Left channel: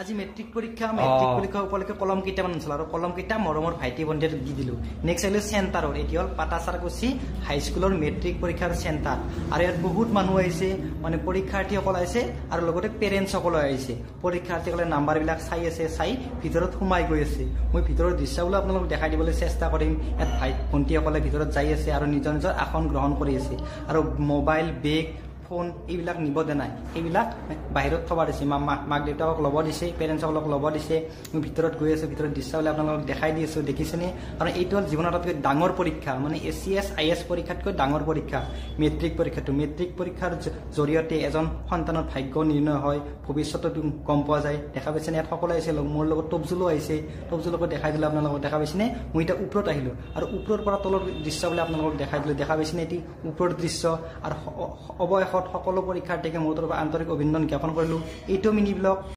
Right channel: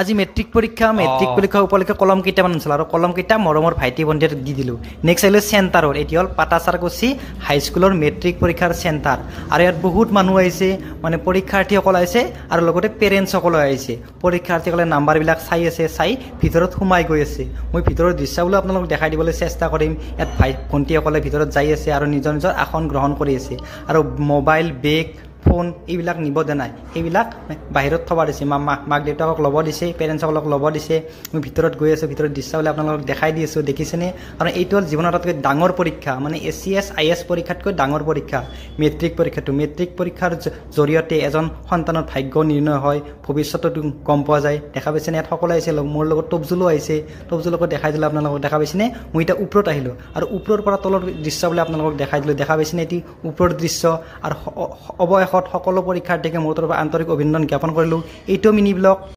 আজি মেট্ৰিক পৰীক্ষা উপলক্ষে কলম কেইটামান আনিছিল আৰু কলম কেইটা মৰমৰ ভাইটি ভণ্টিৰ দি দিলোঁ নেক্সট আহিলোঁ চেণ্টাৰৰ এটি হ'ল পাটাচাৰকুচি হাইস্কুলৰ মেট্ৰিক পৰীক্ষাৰ চেণ্টাৰ আৰু ইয়াত বহুত মানুহ আহিছে মানে পৰীক্ষাৰ্থীসকল আহিছে আৰু লগতে পেৰেণ্টছসকলো আহিছে পৰীক্ষাৰ্থীসকলে নাম্বাৰবিলাক চাই আছে চাই ভিতৰত সোমাই গৈ আছে মই ভিতৰৰ দৃশ্যবোৰ আপোনালোকক দেখাই দিবলৈ চেষ্টা কৰিম ইয়াত ভাই ভণ্টিসকলে ভিতৰত যাই আছে আৰু নিজৰ নিজৰ আসন গ্ৰহণ কৰি আছে আৰু মোবাইল বেগ ফোন এইবিলাক নিব দিয়া নাই সেইবিলাক বাহিৰত থবা দিছে মাক দেউতাকক ল'ব দিছে পেৰেণ্টছসকলক ল'ব দিছে মই ভিতৰত গৈ আছোঁ ভিতৰত দৃশ্যবিলাক আপোনালোকক দেখাই দি আছোঁ দেখিছেনে কাৰণ এইটো হ'ল জীৱনৰ আটাইতকৈ ডাঙৰ পৰীক্ষা মানে ACS IS পৰীক্ষাতকৈ ডাঙৰ পৰীক্ষা মেট্ৰিক পৰীক্ষাটো মেট্ৰিক পৰীক্ষাৰ জৰিয়তে এজন সন্তানৰ ভাগ্য নিৰ্ণয় হয় ভৱিষ্যতটো গম পোৱা যায় দেখা পাইছেনে ইয়াত সকলো আহিছে মোৰ লগত টপজুলো আহিছে টপজুলকো দেখাই দিলোঁ আপোনালোকক দেখা পাইছেনে মই এতিয়া ওপৰত আহিলোঁ আৰু ওপৰৰ পৰা তলৰ দৃশ্যবিলাক আপোনালোকক দেখাই দিলোঁ দেখা পাইছেনে এটি ওপৰৰ দৃশ্য আৰু অৱশেষত সকলো পৰীক্ষাৰ্থীকে মোৰ তৰফৰ আন্তৰিক অভিনন্দন জ্ঞাপন কৰিলোঁ এইটো মিনি ব্লগ